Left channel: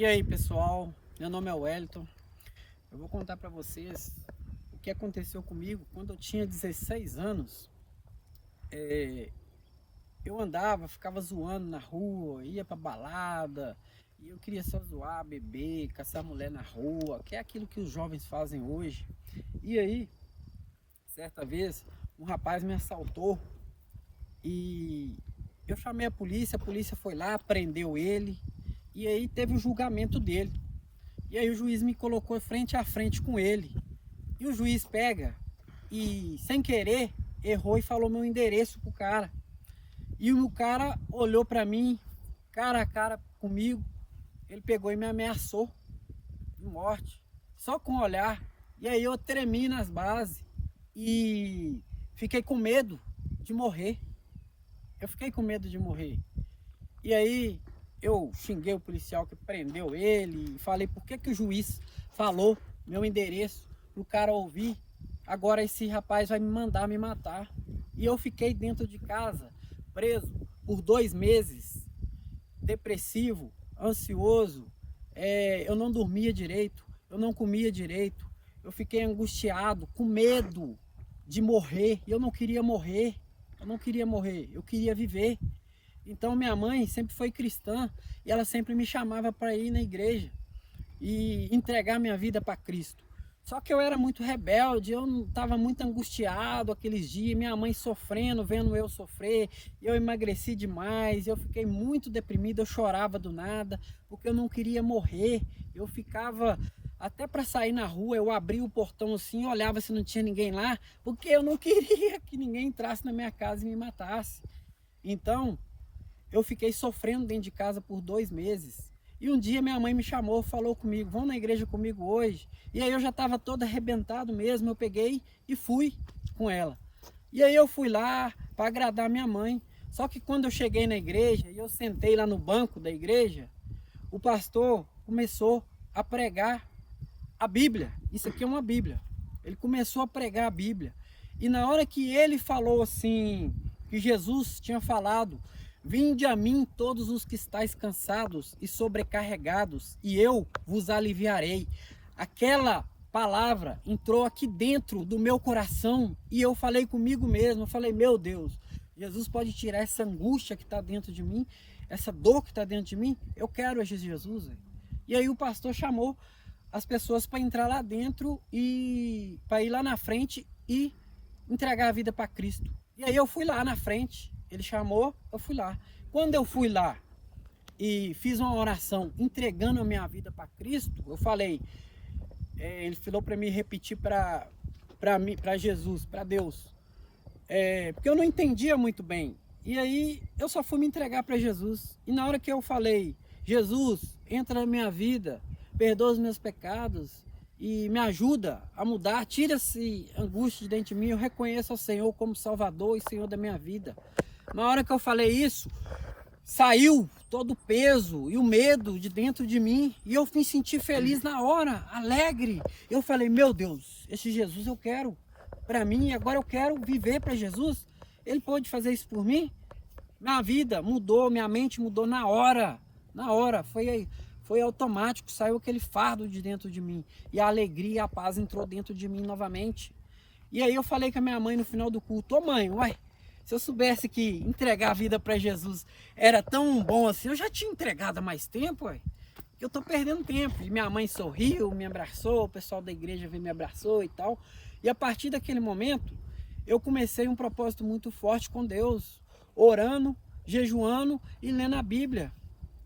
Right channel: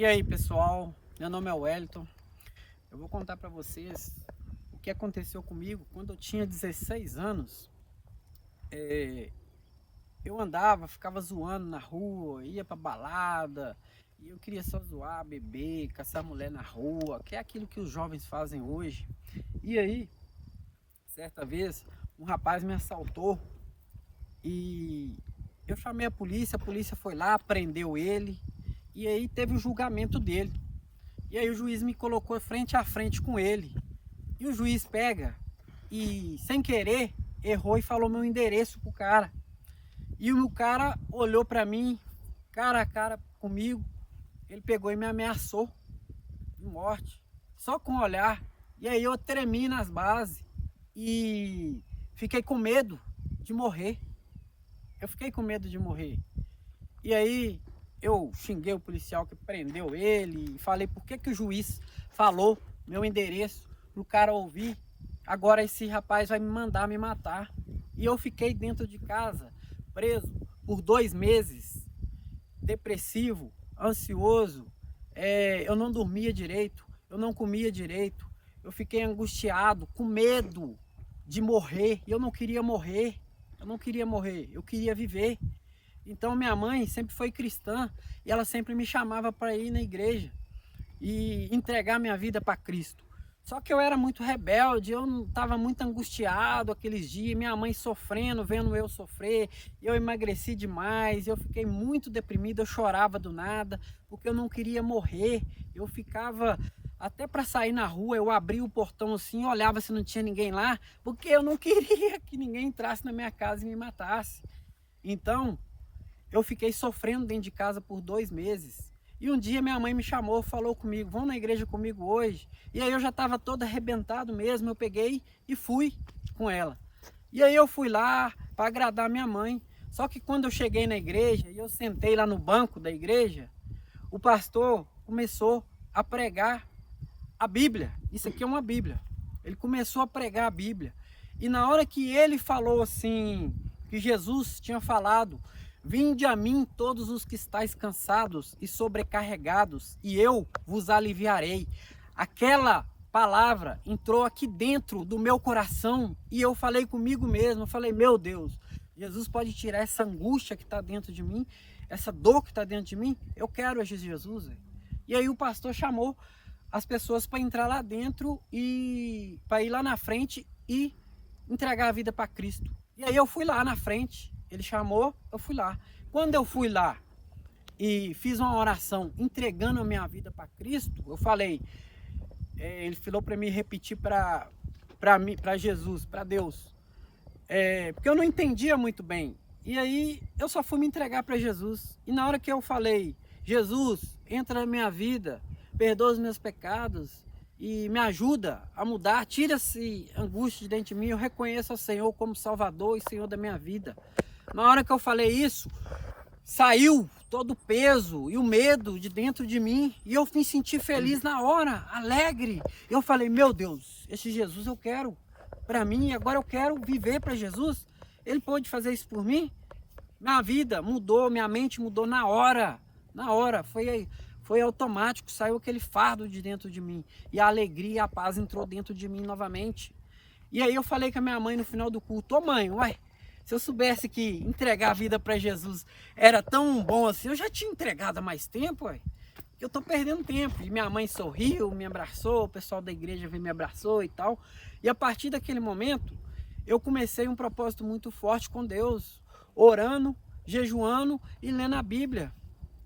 E aí pessoal, meu nome é Wellington. Eu vou contar para vocês o que aconteceu comigo quando eu tinha 16 anos. Eu andava, ficava zoando na rua, ia pra balada, e eu queria só zoar, beber, caçar mulher na rua, que é aquilo que os jovens fazem hoje. E aí, certa vez, um rapaz me assaltou e eu chamei a polícia foi lá, prendeu ele, e aí teve o julgamento dele. E aí o juiz me colocou frente a frente com ele. E o juiz pega e, sem querer, errou e falou meu endereço pro cara. E o cara olhou pra mim, cara a cara comigo. Ele pegou e me ameaçou de morte, só com o olhar. E aí eu tremi nas bases e fiquei com medo de morrer. Eu fiquei com medo de morrer. E aí eu xinguei o policial que prendeu ele e falei por que o juiz falou meu endereço pro cara ouvir. Agora esse rapaz vai me mandar me matar. E eu fiquei dentro de casa, preso por 2 meses, depressivo, ansioso. Eu não dormia direito, eu não comia direito. Eu fiquei angustiado, com medo de morrer. E eu não queria morrer, eu queria viver. Então minha mãe sempre foi cristã e ela sempre me chamava para ir na igreja e entregar minha vida para Cristo. Só que eu era muito rebelde, eu estava muito angustiado aqueles dias, minha mãe sofrendo, vendo eu sofrer, eu emagreci demais, eu fiquei muito deprimido, eu chorava do nada, porque eu não queria morrer. Eu ficava, até para sair na rua, eu abria o portão assim, olhava se não tinha ninguém lá, porque eu não queria que ninguém entrasse na minha casa e me matasse. Então eu fiquei sofrendo dentro de casa por 2 meses. E um dia minha mãe me chamou, falou comigo, vamos na igreja comigo hoje. E aí eu já estava todo arrebentado mesmo, eu peguei e fui com ela. E aí eu fui lá para agradar minha mãe. Só que quando eu cheguei na igreja e eu sentei lá no banco da igreja, o pastor começou a pregar a Bíblia. Isso aqui é uma Bíblia. Ele começou a pregar a Bíblia. E na hora que ele falou assim, que Jesus tinha falado: vinde a mim todos os que estáis cansados e sobrecarregados, e eu vos aliviarei. Aquela palavra entrou aqui dentro do meu coração e eu falei comigo mesmo, eu falei, meu Deus, Jesus pode tirar essa angústia que está dentro de mim, essa dor que está dentro de mim, eu quero Jesus. E aí o pastor chamou as pessoas para entrar lá dentro e para ir lá na frente e entregar a vida para Cristo. E aí eu fui lá na frente, ele chamou, eu fui lá. Quando eu fui lá e fiz uma oração entregando a minha vida para Cristo, eu falei, ele falou para mim repetir para Jesus, para Deus, porque eu não entendia muito bem. E aí eu só fui me entregar para Jesus. E na hora que eu falei, Jesus, entra na minha vida, perdoa os meus pecados e me ajuda a mudar, tira essa angústia de dentro de mim, eu reconheço o Senhor como Salvador e Senhor da minha vida. Na hora que eu falei isso, saiu todo o peso e o medo de dentro de mim e eu me senti feliz na hora, alegre. Eu falei, meu Deus, esse Jesus eu quero para mim e agora eu quero viver para Jesus. Ele pode fazer isso por mim? Minha vida mudou, minha mente mudou na hora, foi automático, saiu aquele fardo de dentro de mim e a alegria e a paz entrou dentro de mim novamente. E aí eu falei com a minha mãe no final do culto, ô mãe, uai, se eu soubesse que entregar a vida para Jesus era tão bom assim, eu já tinha entregado há mais tempo, ué. Eu tô perdendo tempo. E minha mãe sorriu, me abraçou, o pessoal da igreja veio me abraçou e tal. E a partir daquele momento, eu comecei um propósito muito forte com Deus, orando, jejuando e lendo a Bíblia.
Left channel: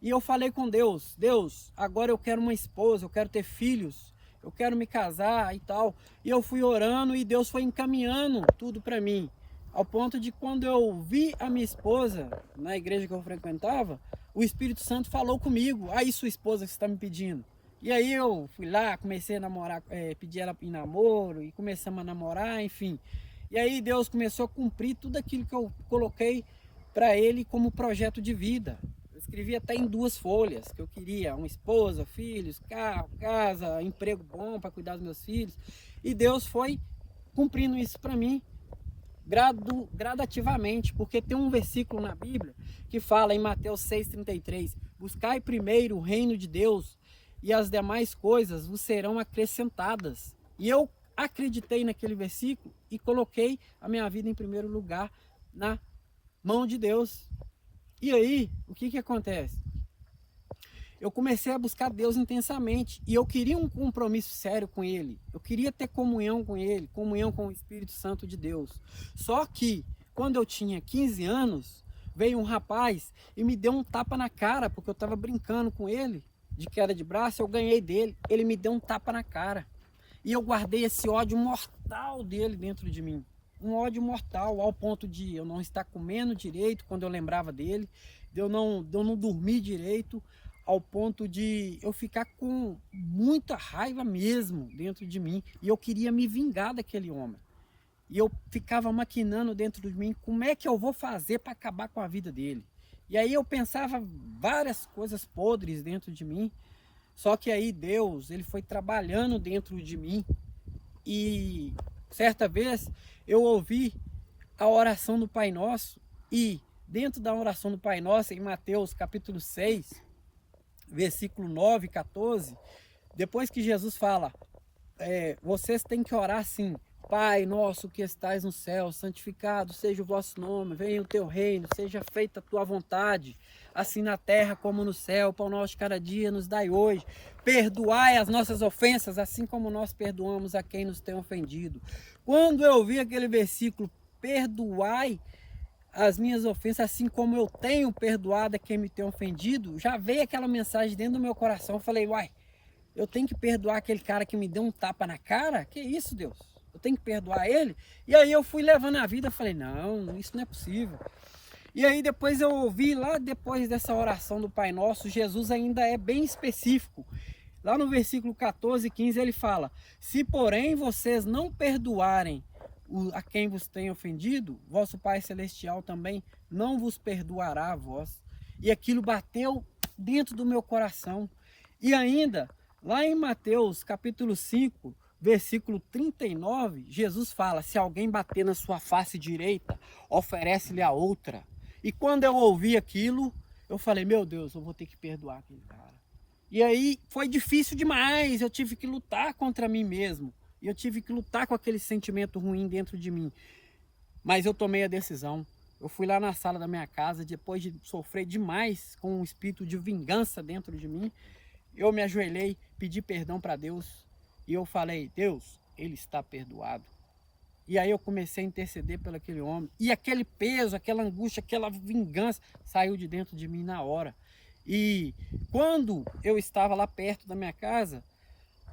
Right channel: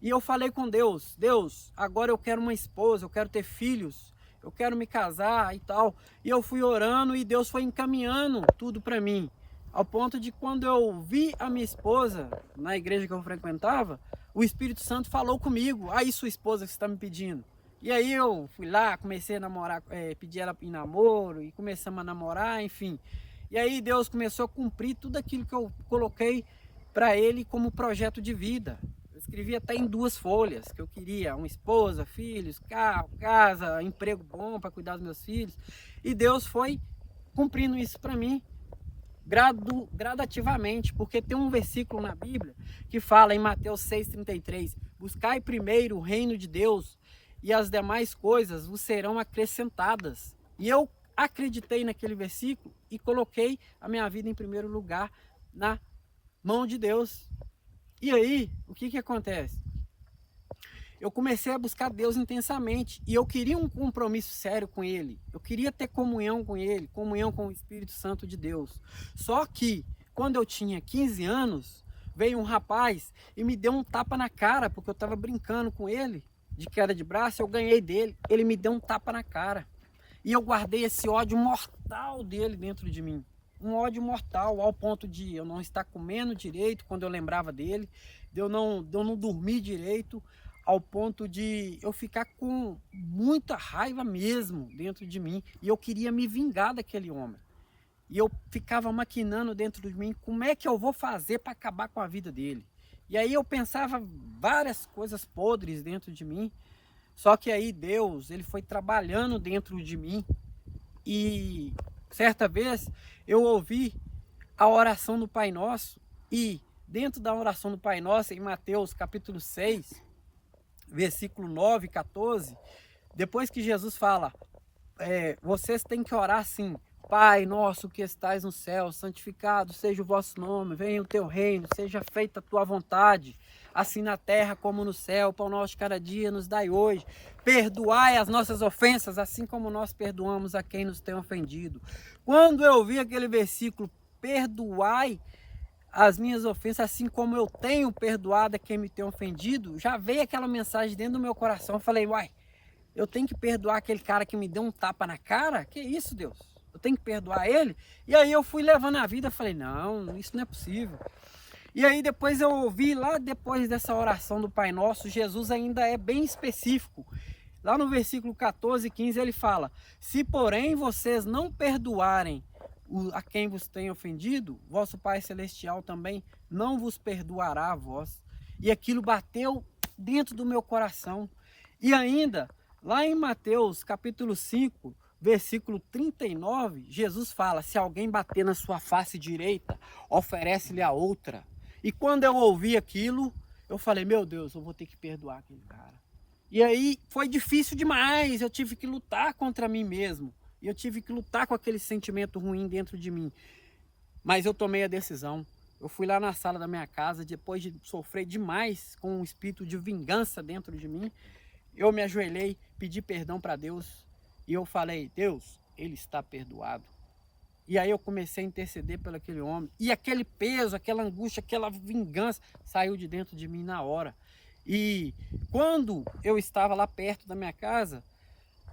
E eu falei com Deus, Deus, agora eu quero uma esposa, eu quero ter filhos, eu quero me casar e tal. E eu fui orando e Deus foi encaminhando tudo para mim. Ao ponto de quando eu vi a minha esposa na igreja que eu frequentava, o Espírito Santo falou comigo, aí sua esposa que você está me pedindo. E aí eu fui lá, comecei a namorar, pedi ela em namoro e começamos a namorar, enfim. E aí Deus começou a cumprir tudo aquilo que eu coloquei para ele como projeto de vida. Eu escrevi até em 2 folhas, que eu queria uma esposa, filhos, carro, casa, emprego bom para cuidar dos meus filhos. E Deus foi cumprindo isso para mim. Gradativamente, porque tem um versículo na Bíblia que fala em Mateus 6,33, buscai primeiro o reino de Deus e as demais coisas vos serão acrescentadas. E eu acreditei naquele versículo e coloquei a minha vida em primeiro lugar na mão de Deus. E aí, o que acontece? Eu comecei a buscar Deus intensamente e eu queria um compromisso sério com Ele. Eu queria ter comunhão com Ele, comunhão com o Espírito Santo de Deus. Só que, quando eu tinha 15 anos, veio um rapaz e me deu um tapa na cara, porque eu estava brincando com ele, de queda de braço, eu ganhei dele, ele me deu um tapa na cara. E eu guardei esse ódio mortal dele dentro de mim. Um ódio mortal, ao ponto de eu não estar comendo direito quando eu lembrava dele, de eu não dormir direito, ao ponto de eu ficar com muita raiva mesmo dentro de mim. E eu queria me vingar daquele homem. E eu ficava maquinando dentro de mim, como é que eu vou fazer para acabar com a vida dele? E aí eu pensava várias coisas podres dentro de mim. Só que aí Deus, ele foi trabalhando dentro de mim. E certa vez eu ouvi a oração do Pai Nosso. E dentro da oração do Pai Nosso, em Mateus capítulo 6, versículo 9 e 14, depois que Jesus fala, vocês têm que orar assim: Pai nosso que estais no céu, santificado seja o vosso nome, venha o teu reino, seja feita a tua vontade, assim na terra como no céu. O pão nosso de cada dia nos dai hoje. Perdoai as nossas ofensas, assim como nós perdoamos a quem nos tem ofendido. Quando eu vi aquele versículo, perdoai as minhas ofensas, assim como eu tenho perdoado a quem me tem ofendido, já veio aquela mensagem dentro do meu coração. Eu falei, uai, eu tenho que perdoar aquele cara que me deu um tapa na cara? Que isso, Deus? Eu tenho que perdoar ele? E aí eu fui levando a vida, falei, não, isso não é possível. E aí depois eu ouvi, lá depois dessa oração do Pai Nosso, Jesus ainda é bem específico. Lá no versículo 14 e 15 ele fala, se porém vocês não perdoarem a quem vos tem ofendido, vosso Pai Celestial também não vos perdoará a vós. E aquilo bateu dentro do meu coração. E ainda, lá em Mateus capítulo 5, versículo 39, Jesus fala, se alguém bater na sua face direita, oferece-lhe a outra. E quando eu ouvi aquilo, eu falei, meu Deus, eu vou ter que perdoar aquele cara. E aí foi difícil demais, eu tive que lutar contra mim mesmo. E eu tive que lutar com aquele sentimento ruim dentro de mim. Mas eu tomei a decisão. Eu fui lá na sala da minha casa, depois de sofrer demais com um espírito de vingança dentro de mim, eu me ajoelhei, pedi perdão para Deus. E eu falei, Deus, ele está perdoado. E aí eu comecei a interceder por aquele homem. E aquele peso, aquela angústia, aquela vingança saiu de dentro de mim na hora. E quando eu estava lá perto da minha casa,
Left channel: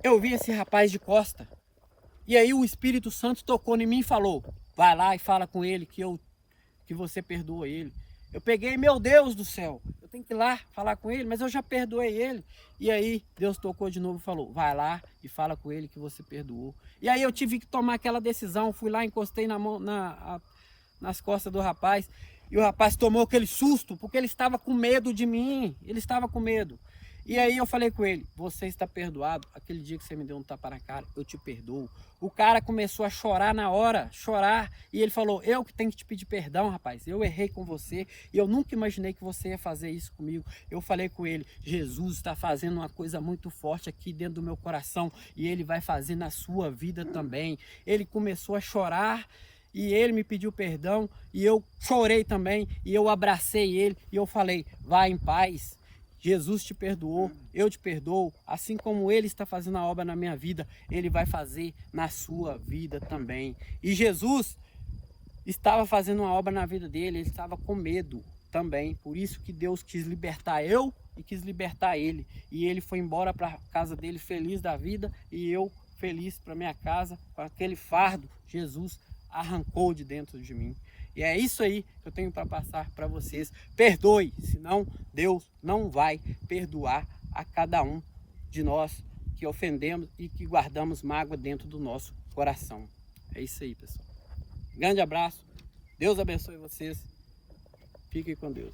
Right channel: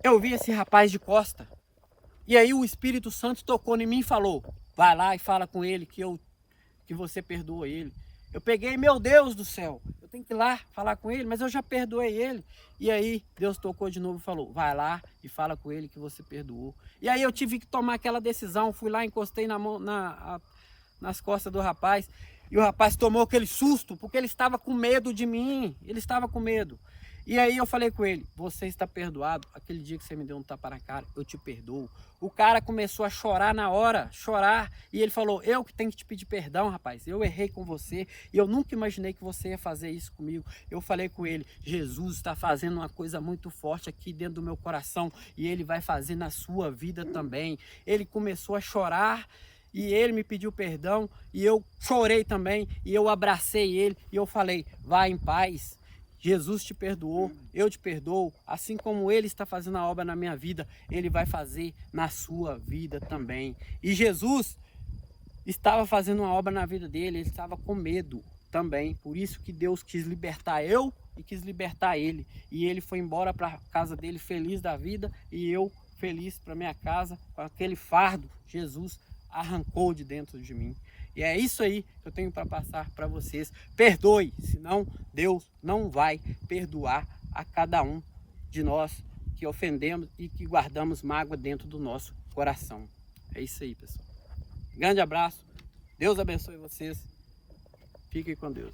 eu vi esse rapaz de costa. E aí o Espírito Santo tocou em mim e falou, vai lá e fala com ele que você perdoa ele. Eu peguei, meu Deus do céu, eu tenho que ir lá falar com ele, mas eu já perdoei ele. E aí Deus tocou de novo e falou, vai lá e fala com ele que você perdoou. E aí eu tive que tomar aquela decisão, fui lá, encostei nas costas do rapaz. E o rapaz tomou aquele susto, porque ele estava com medo de mim, ele estava com medo. E aí eu falei com ele, você está perdoado, aquele dia que você me deu um tapa na cara, eu te perdoo. O cara começou a chorar na hora, chorar, e ele falou, eu que tenho que te pedir perdão, rapaz, eu errei com você, e eu nunca imaginei que você ia fazer isso comigo. Eu falei com ele, Jesus está fazendo uma coisa muito forte aqui dentro do meu coração, e ele vai fazer na sua vida também. Ele começou a chorar, e ele me pediu perdão, e eu chorei também, e eu abracei ele, e eu falei, vai em paz. Jesus te perdoou, eu te perdoo, assim como ele está fazendo a obra na minha vida, ele vai fazer na sua vida também. E Jesus estava fazendo uma obra na vida dele, ele estava com medo também, por isso que Deus quis libertar eu e quis libertar ele. E ele foi embora para a casa dele feliz da vida e eu feliz para minha casa, com aquele fardo, Jesus arrancou de dentro de mim. E é isso aí que eu tenho para passar para vocês. Perdoe, senão Deus não vai perdoar a cada um de nós que ofendemos e que guardamos mágoa dentro do nosso coração. É isso aí, pessoal. Grande abraço. Deus abençoe vocês. Fiquem com Deus.